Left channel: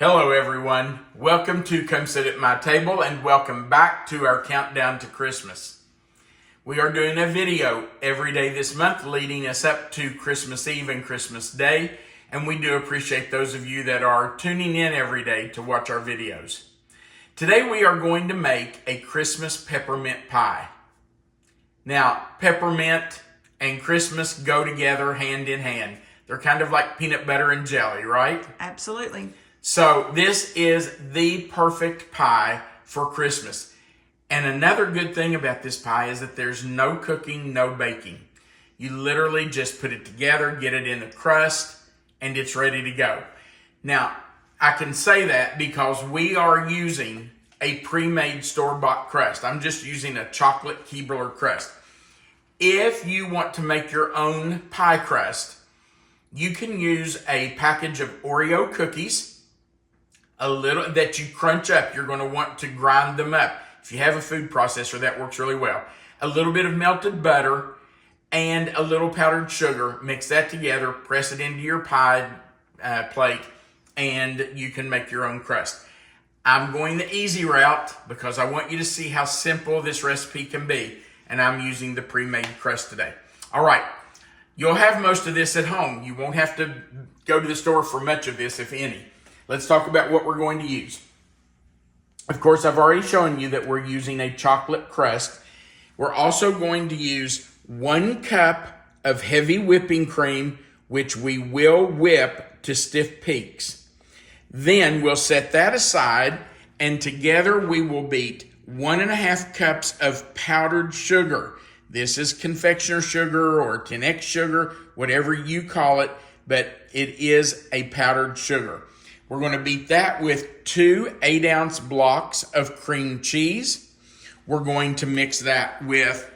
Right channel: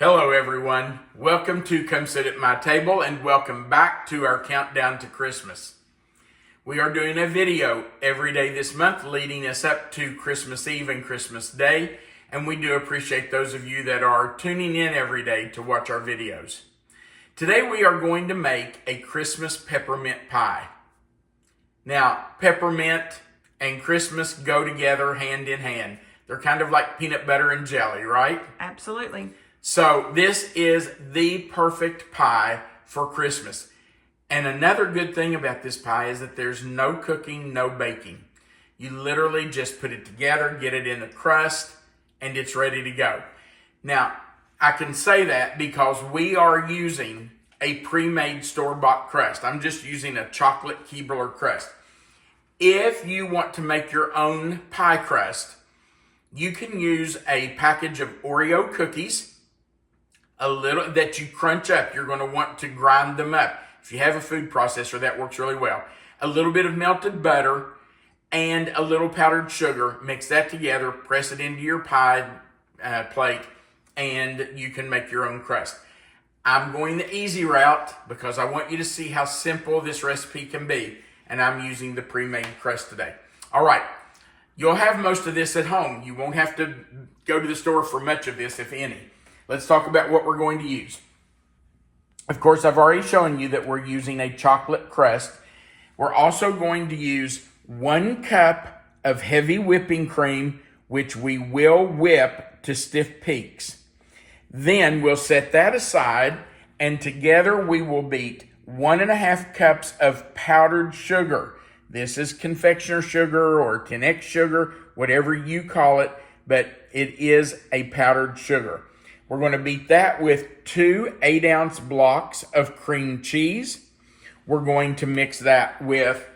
Hello everyone, welcome to Come Sit at My Table and welcome back to our countdown to Christmas. We are doing a video every day this month leading us up to Christmas Eve and Christmas Day, and we do appreciate those of you that are tuning in every day to watch our videos. Today we are going to make a Christmas peppermint pie. Now, peppermint and Christmas go together hand in hand. They're kind of like peanut butter and jelly, right? Absolutely. So this is the perfect pie for Christmas. And another good thing about this pie is that there's no cooking, no baking. You literally just put it together, get it in the crust, and it's ready to go. Now, I can say that because we are using a pre-made store-bought crust. I'm just using a chocolate Keebler crust. If you want to make your own pie crust, you can use a package of Oreo cookies, a little that you crunch up. You're going to want to grind them up. If you have a food processor, that works really well. A little bit of melted butter and a little powdered sugar. Mix that together, press it into your pie plate, and you can make your own crust. I'm going the easy route because I want you to see how simple this recipe can be, and I'm using the pre-made crust today. All right, you'll have most of this at home. You won't have to go to the store for much of this, if any. Let's talk about what we're going to use. Of course, I've already shown you that we're using a chocolate crust. We're also going to use 1 cup of heavy whipping cream, which we will whip to stiff peaks. Then we'll set that aside, and together we will beat 1.5 cups of powdered sugar. This is confectioner sugar or 10X sugar, whatever you call it, but it is a powdered sugar. We're going to beat that with 2 8-ounce blocks of cream cheese. We're going to mix that with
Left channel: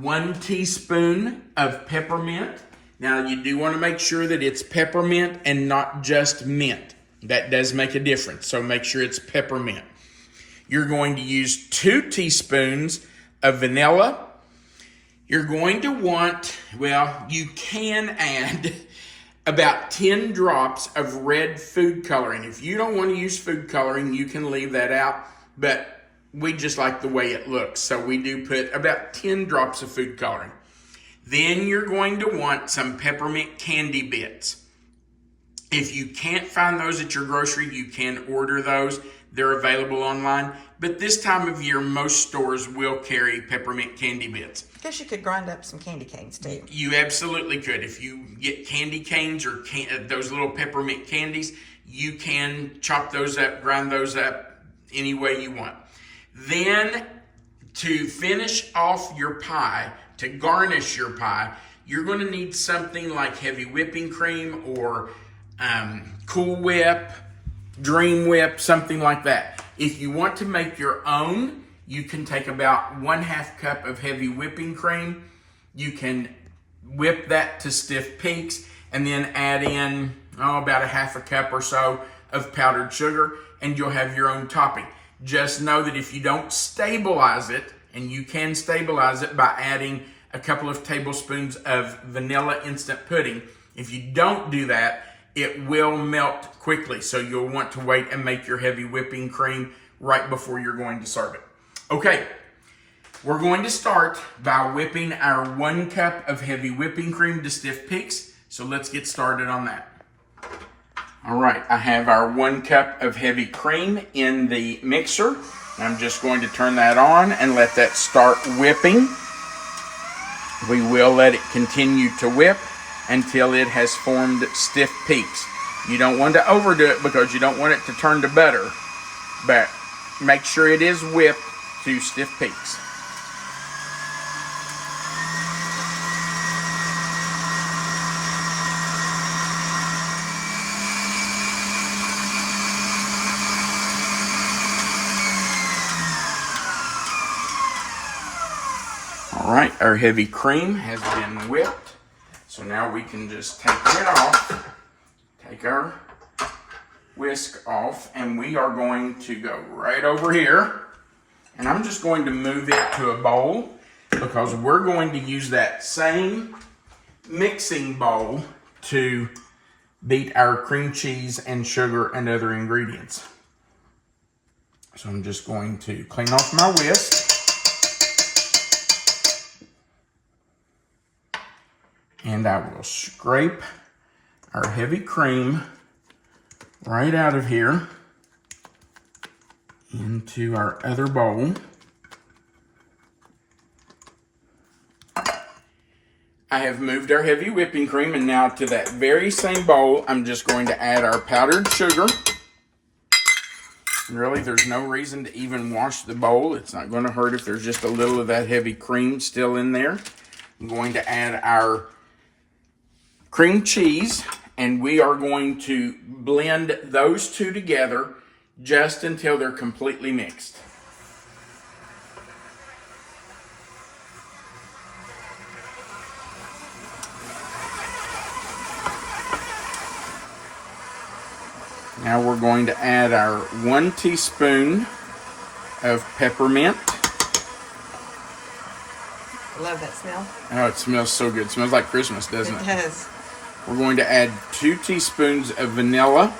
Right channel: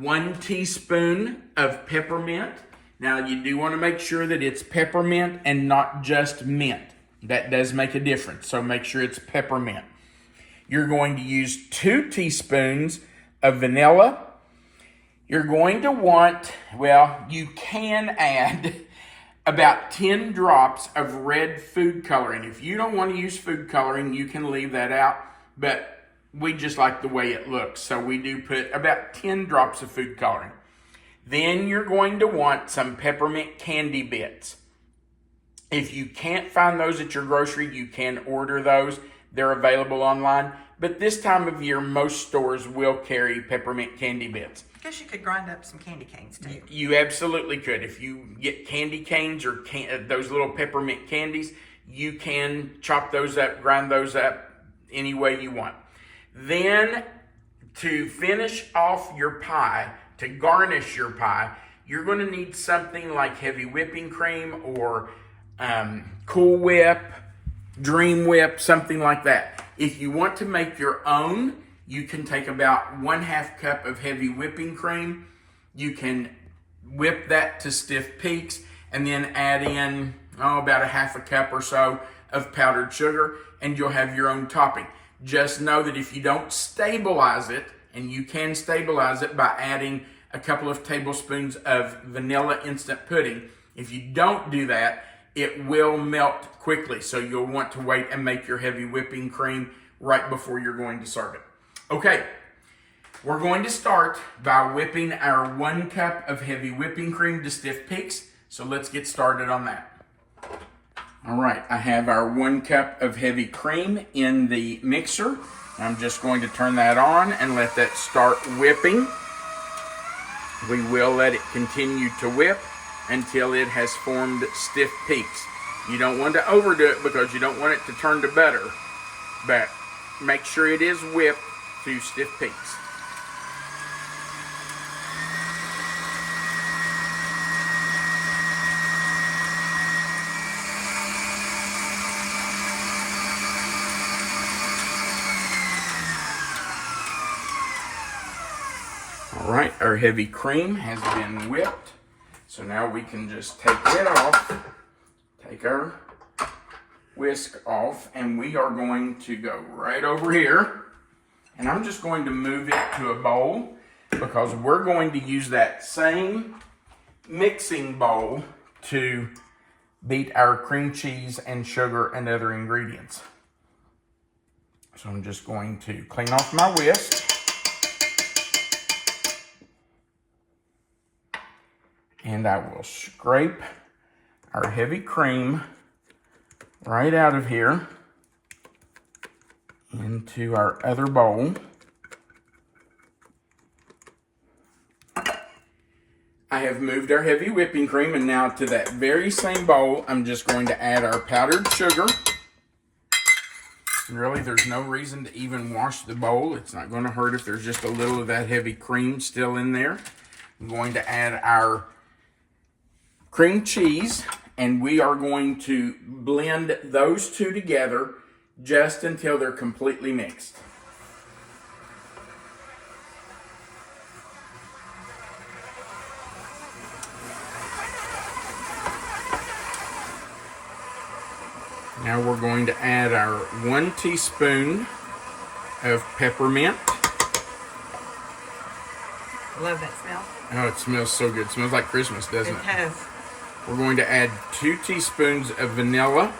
1 teaspoon of peppermint. Now, you do want to make sure that it's peppermint and not just mint. That does make a difference, so make sure it's peppermint. You're going to use 2 teaspoons of vanilla. You're going to want, well, you can add about 10 drops of red food coloring. If you don't want to use food coloring, you can leave that out, but we just like the way it looks, so we do put about 10 drops of food coloring. Then you're going to want some peppermint candy bits. If you can't find those at your grocery, you can order those. They're available online, but this time of year, most stores will carry peppermint candy bits. I guess you could grind up some candy canes too. You absolutely could. If you get candy canes or those little peppermint candies, you can chop those up, grind those up any way you want. Then, to finish off your pie, to garnish your pie, you're going to need something like heavy whipping cream or Cool Whip, Dream Whip, something like that. If you want to make your own, you can take about 1/2 cup of heavy whipping cream. You can whip that to stiff peaks and then add in about 1/2 cup or so of powdered sugar, and you'll have your own topping. Just know that if you don't stabilize it, and you can stabilize it by adding a couple of tablespoons of vanilla instant pudding, if you don't do that, it will melt quickly. So you'll want to wait and make your heavy whipping cream right before you're going to serve it. Okay, we're going to start by whipping our 1 cup of heavy whipping cream to stiff peaks. So let's get started on that. All right, I have our 1 cup of heavy cream in the mixer. I'm just going to turn that on and let that start whipping. We will let it continue to whip until it has formed stiff peaks. You don't want to overdo it because you don't want it to turn to butter, but make sure it is whipped to stiff peaks. All right, our heavy cream has been whipped. So now we can just take it off, take our whisk off, and we are going to go right over here. And I'm just going to move it to a bowl because we're going to use that same mixing bowl to beat our cream cheese and sugar and other ingredients. So I'm just going to clean off my whisk. And I will scrape our heavy cream right out of here into our other bowl. I have moved our heavy whipping cream, and now to that very same bowl, I'm just going to add our powdered sugar. And really, there's no reason to even wash the bowl. It's not going to hurt if there's just a little of that heavy cream still in there. I'm going to add our cream cheese, and we are going to blend those two together just until they're completely mixed. Now we're going to add our 1 teaspoon of peppermint. Love that smell. Oh, it smells so good. It smells like Christmas, doesn't it? It does. We're going to add 2 teaspoons of vanilla.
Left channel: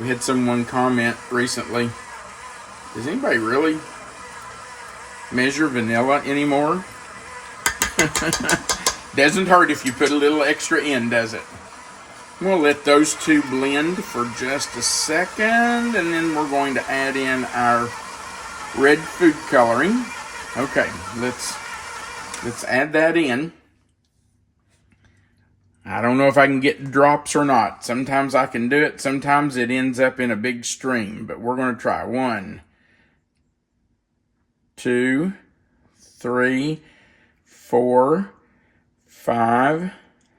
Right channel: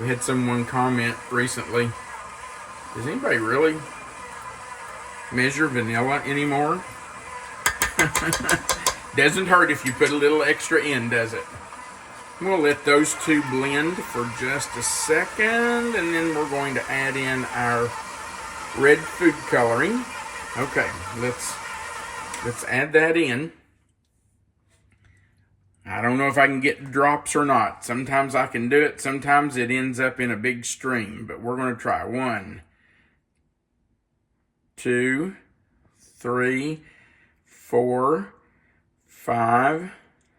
We had someone comment recently, does anybody really measure vanilla anymore? Doesn't hurt if you put a little extra in, does it? We'll let those two blend for just a second, and then we're going to add in our red food coloring. Okay, let's add that in. I don't know if I can get drops or not. Sometimes I can do it. Sometimes it ends up in a big stream. But we're going to try. 1, 2, 3, 4, 5,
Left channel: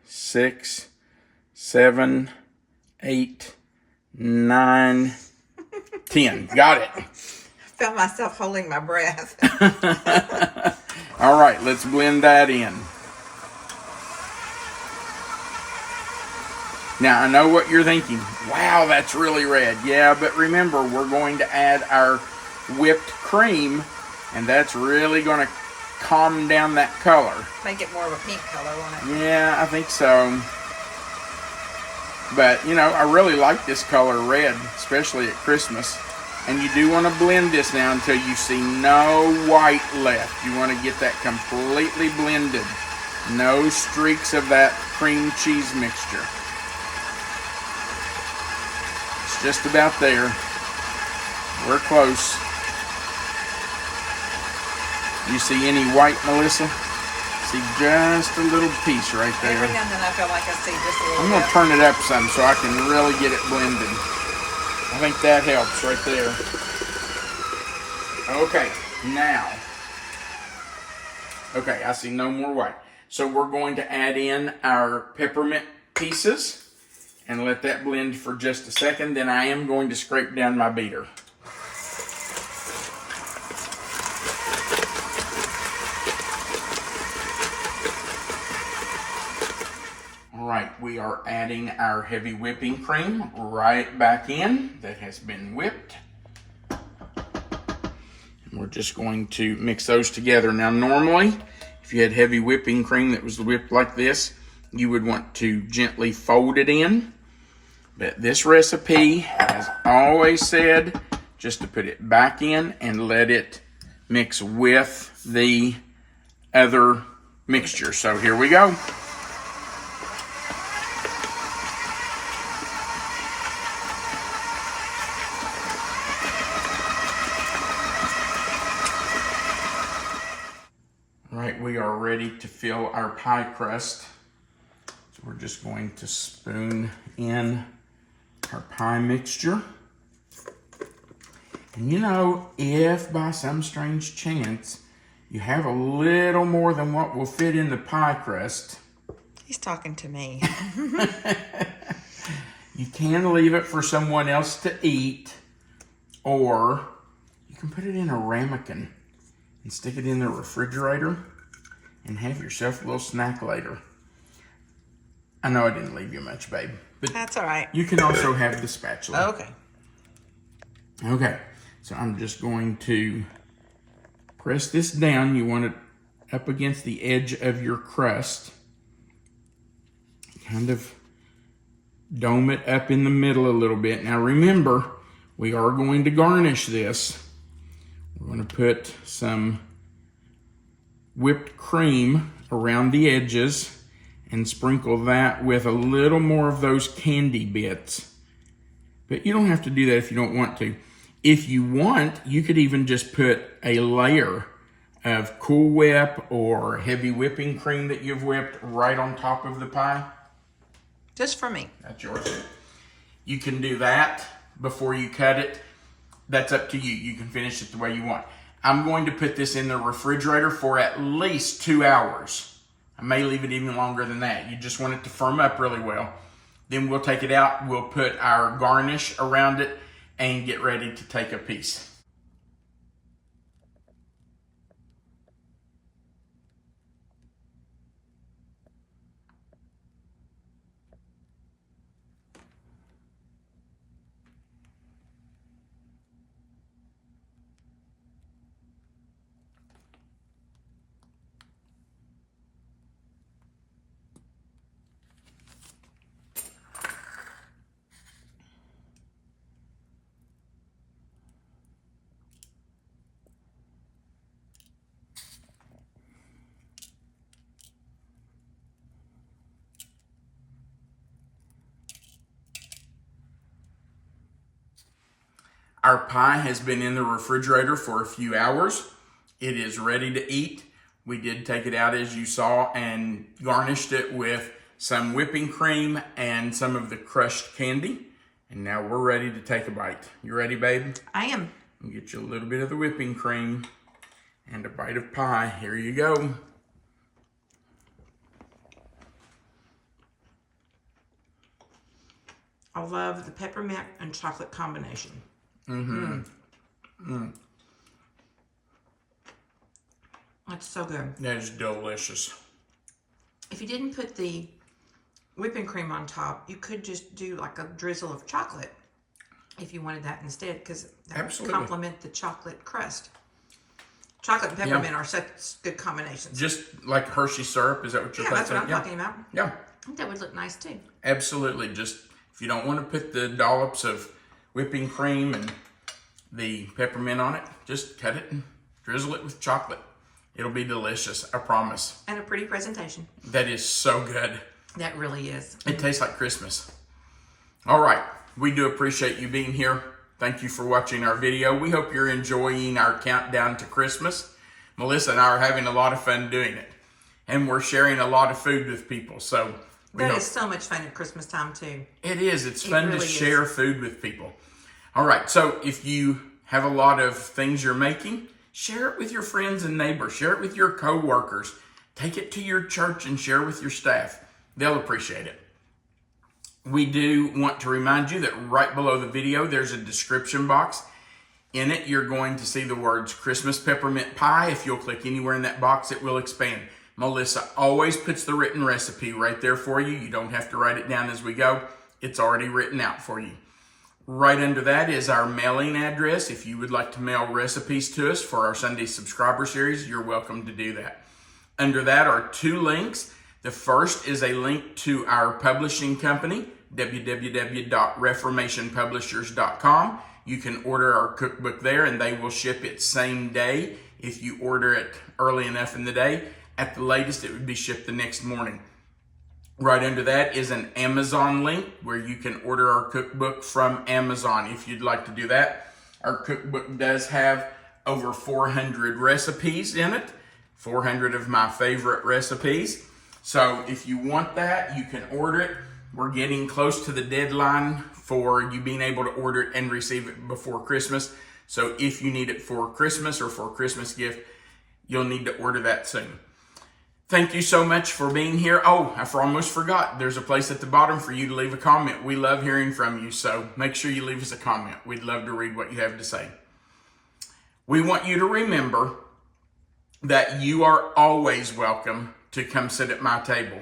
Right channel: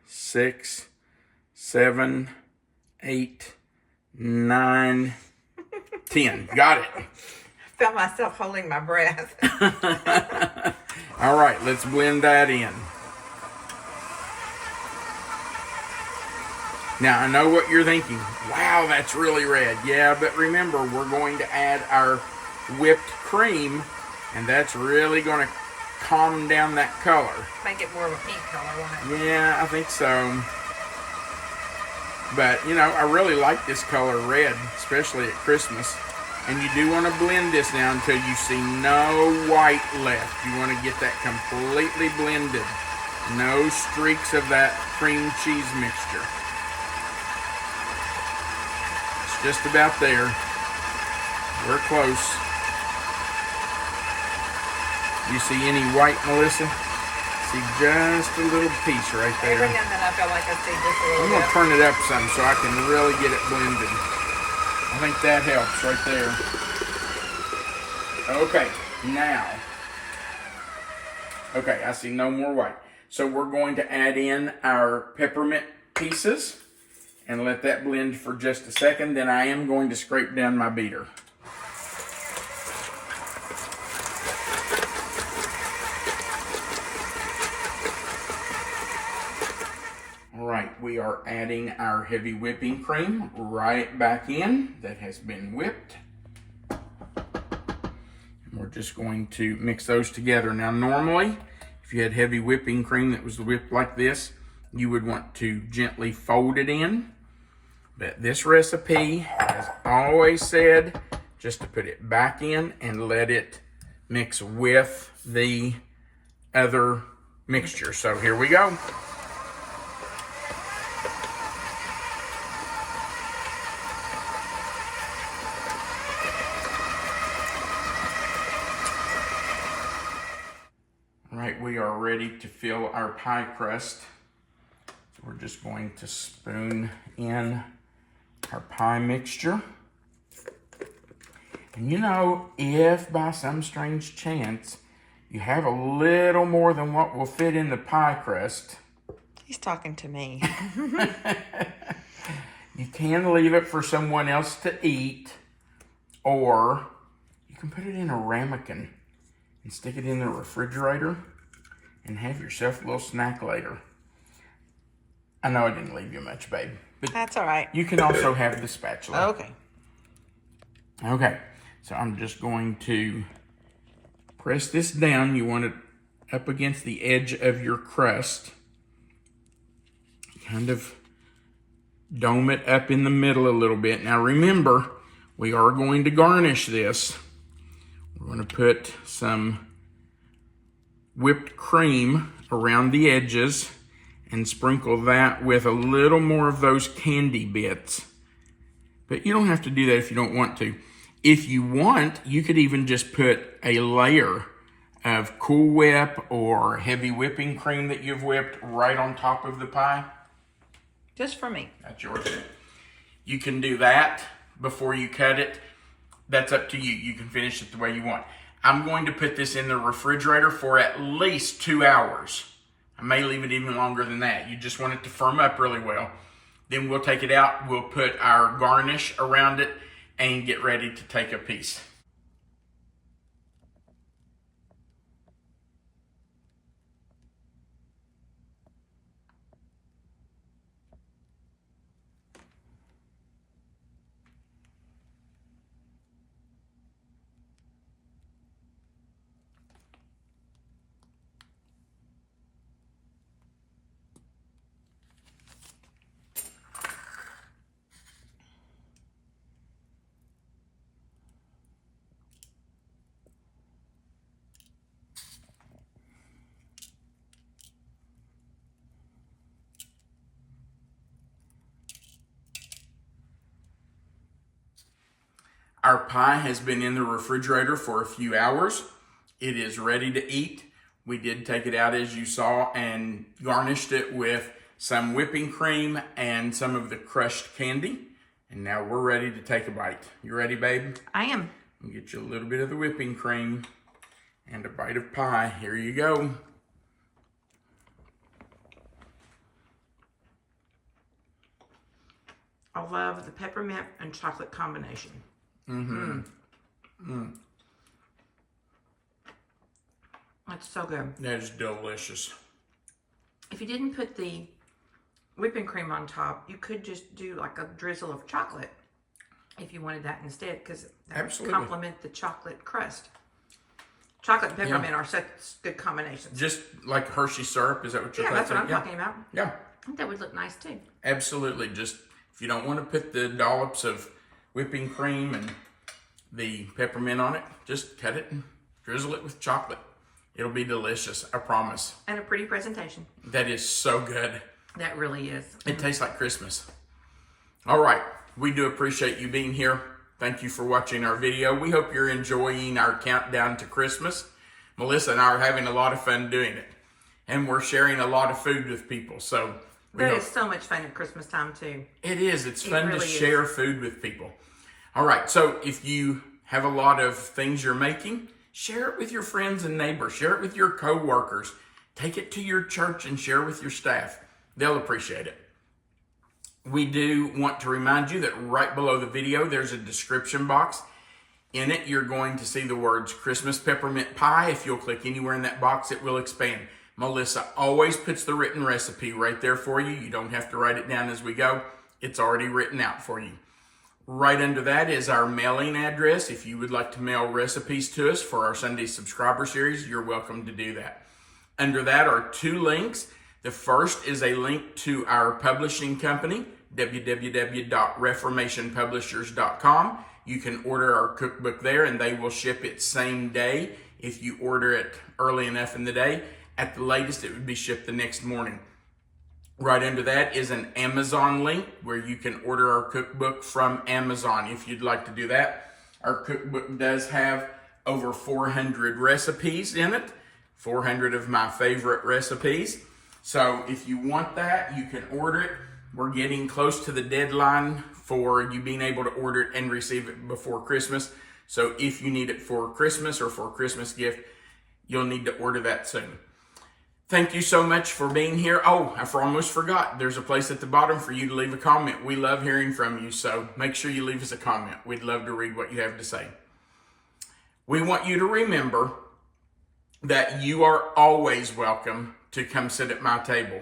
6, 7, 8, 9, 10. Got it. I felt myself holding my breath. All right, let's blend that in. Now, I know what you're thinking. Wow, that's really red. Yeah, but remember, we're going to add our whipped cream, and that's really going to calm down that color. Make it more of a pink color, won't it? Yeah, I think so. But, you know, I really like this color red, especially at Christmas. And you do want to blend this now until you see no white left. You want to get that completely blended. No streaks of that cream cheese mixture. Just about there. We're close. You see any white, Melissa? See just a little piece right there. Every now and then I feel like I see just a little I'm going to bit. turn it up some so I can really get it blended. I think that helps right there. Okay, now. Okay, I see no more white. So we're going to add in our peppermint pieces and let that blend for just a second. Then I am going to scrape down my beater. All right, we are adding our heavy whipping cream right back in that has been whipped. We're just going to mix those together. Now, normally, if you had heavy whipping cream that was whipped like this, you would want to gently fold it in. But this recipe has always said just to put it back in and let it mix with the other mixture. So here we go. All right, we are ready to fill our pie crust. So we're just going to spoon in our pie mixture. And you know, if by some strange chance you have a little more than what will fit in the pie crust, He's talking to me. you can leave it for someone else to eat, or you can put it in a ramekin and stick it in the refrigerator and have yourself a little snack later. I know I didn't leave you much, babe. But That's all right. you can also have the spatula. Okay. Okay, so I'm just going to press this down. You want it up against the edge of your crust. Kind of Dome it up in the middle a little bit. Now remember, we are going to garnish this. We're going to put some whipped cream around the edges and sprinkle that with a little more of those candy bits. But you don't have to do that if you don't want to. If you want, you could even just put a layer of Cool Whip or heavy whipping cream that you've whipped right on top of the pie. Just for me. That's yours. You can do that before you cut it. That's up to you. You can finish it the way you want. I'm going to put this in the refrigerator for at least 2 hours. I may leave it even longer than that. You just want it to firm up really well. Then we'll take it out. We'll put our garnish around it and get ready to take a piece. Our pie has been in the refrigerator for a few hours. It is ready to eat. We did take it out, as you saw, and garnished it with some whipping cream and some of the crushed candy. And now we're ready to take a bite. You ready, babe? I am. I'll get you a little bit of the whipping cream and a bite of pie. Here you go. I love the peppermint and chocolate combination. That's so good. That is delicious. If you didn't put the whipping cream on top, you could just do like a drizzle of chocolate if you wanted that instead, because that would complement the chocolate crust. Chocolate and peppermint are such good combinations. Just like Hershey syrup, is that what you're talking about? Yeah, that's what I'm talking about. Yeah. I think that would look nice too. Absolutely. Just if you don't want to put the dollops of whipping cream and the peppermint on it, just cut it and drizzle it with chocolate. It'll be delicious, I promise. And a pretty presentation. That is so good. That really is. It tastes like Christmas. All right. We do appreciate you being here. Thank you for watching our video. We hope you're enjoying our countdown to Christmas. Melissa and I are having a lot of fun doing it. And we're sharing a lot of food with people. So that is so much fun at Christmas time too. It is. It's fun to share food with people. All right. So if you have a lot of things you're making, share it with your friends and neighbors. Share it with your co-workers. Take it to your church and share with your staff. They'll appreciate it. We do want to remind you that right below the video, there's a description box. In it, you're going to see the words Christmas Peppermint Pie. If you'll click anywhere in that box, it will expand. Melissa always puts the written recipe right there for you. You don't have to write it down as we go. It's already written out for you. Right under that is our mailing address. If you would like to mail recipes to us for our Sunday subscriber series, you're welcome to do that. Under that are 2 links. The first is a link to our publishing company, www.reformationpublishers.com. You can order our cookbook there and they will ship it same day if you order it early enough in the day. At the latest, it would be shipped the next morning. Right under that is an Amazon link where you can order our cookbook from Amazon if you'd like to do that. Our cookbook does have over 400 recipes in it, 400 of my favorite recipes. So if you want that, you can order it. We're getting close to the deadline for you being able to order it and receive it before Christmas. So if you need it for Christmas or for a Christmas gift, you'll need to order that soon. Thank you so much for being here. Oh, I almost forgot. There's a place at the bottom for you to leave a comment. We love hearing from you, so make sure you leave us a comment. We'd love to read what you have to say. We want you to remember that you are always welcome to come sit at my table.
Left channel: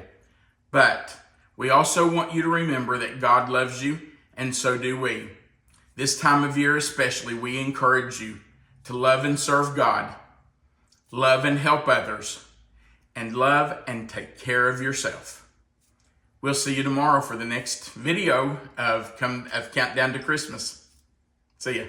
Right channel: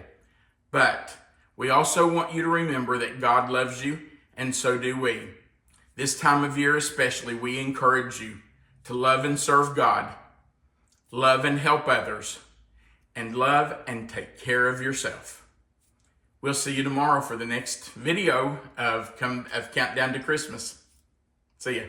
But we also want you to remember that God loves you, and so do we. This time of year especially, we encourage you to love and serve God, love and help others, and love and take care of yourself. We'll see you tomorrow for the next video of Countdown to Christmas. See ya.